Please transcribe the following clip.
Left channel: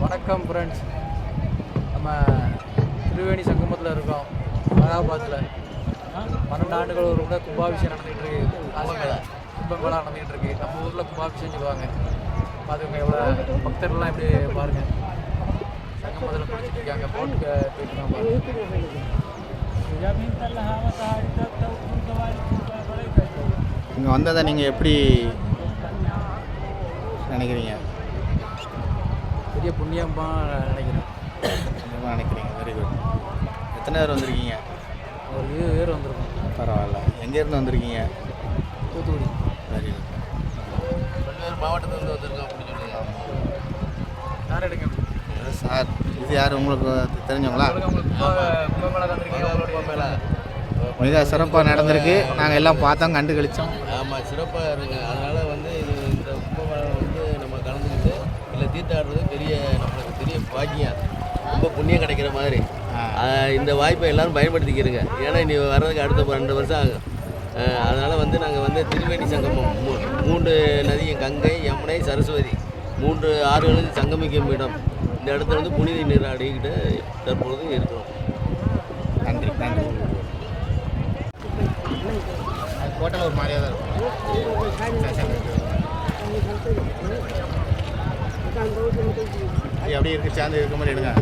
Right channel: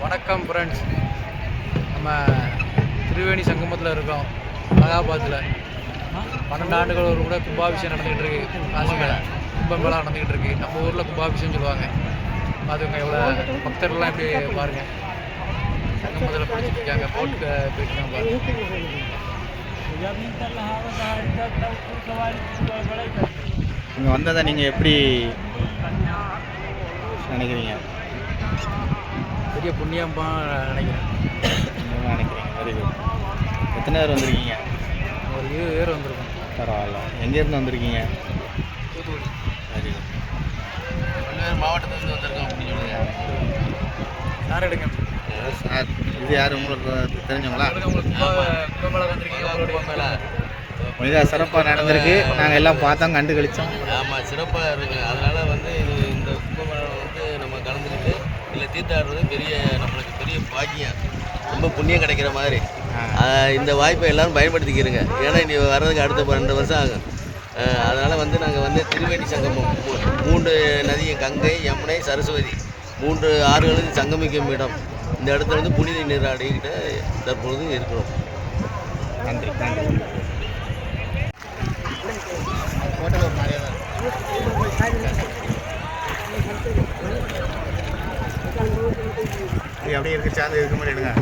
வணக்கம் ஃப்ரெண்ட்ஸ். நம்ம திரிவேணி சங்கமத்தில் இருக்கோம், அலகாபாத்தில். 12 ஆண்டுகள் ஒரு கூட கும்பாபிஷேகம் நடந்துக்கிட்டு இருக்கு. காசியில் கும்பமேளா நடந்துக்கிட்டு இருக்கு. நம்ம ஊரில் கும்பாபிஷேகம் சொல்லுவாங்க. பார்த்துக்கோங்க எவ்வளோ பக்தர்கள்லாம் எப்படி பாருங்கள். சங்கமத்தில் குளிச்சுட்டு இருக்காங்க, போட்டுக்கு போயிட்டுருக்காங்க பாருங்கள். இங்கே வந்ததை நீங்கள் எப்படி நினைக்கிறீங்க? பெரிய புண்ணியமாக நினைக்கிறேன். புண்ணியமாக நினைக்கிறீங்க. Very good. எத்தனை பேர் வந்திருக்கீங்க? ஒரு 20 பேர் வந்திருக்கோம். பரவாயில்ல. எங்கேருந்து வந்திருக்கீங்க? தூத்துக்குடி. Very good. பல்வேறு மாவட்டத்திலிருந்து வந்திருக்கோம் அப்படின்னு சொல்லுங்கள். யார் எடுங்க சார், இது யார் உங்களுக்கு தெரிஞ்சவங்களா? கும்பமேளா மிக சிறப்பாக நடந்திருக்கு. நாங்கள் எல்லாம் பார்த்தோம், கண்டு கழித்தோம். ஆமாம், சிறப்பாக இருக்குது. அதனால் வந்து இந்த கும்பமேளா வந்து நம்ம கலந்துக்கிட்டு இல்லை தீர்த்தாடுறது நம்மளுக்கு பெரிய பாக்கியம், ரொம்ப புண்ணியம் கிடைக்கிற மாதிரி. இந்த வாய்ப்பை எல்லோரும் பயன்படுத்திக்கிறங்க. ஏன்னா இனி வர்றதுக்கு அடுத்த 2 வருஷம் ஆகும். அதனால் வந்து நாங்கள் வந்து திரிவேணி சங்கமம் 3 நதி, கங்கை, யமுனை, சரஸ்வதி 3 ஆறுகளுக்கு சங்கமிக்கும் இடம். இந்த இடத்துல வந்து புனித நீராடிக்கிட்டு தற்பொழுது இருக்கிறோம். நன்றி நன்றி. ஹோட்டல் ஒரு மாதிரியாக தான் இது எப்படி இருக்குது? சேர்ந்து இருக்க மாதிரி எடுங்க.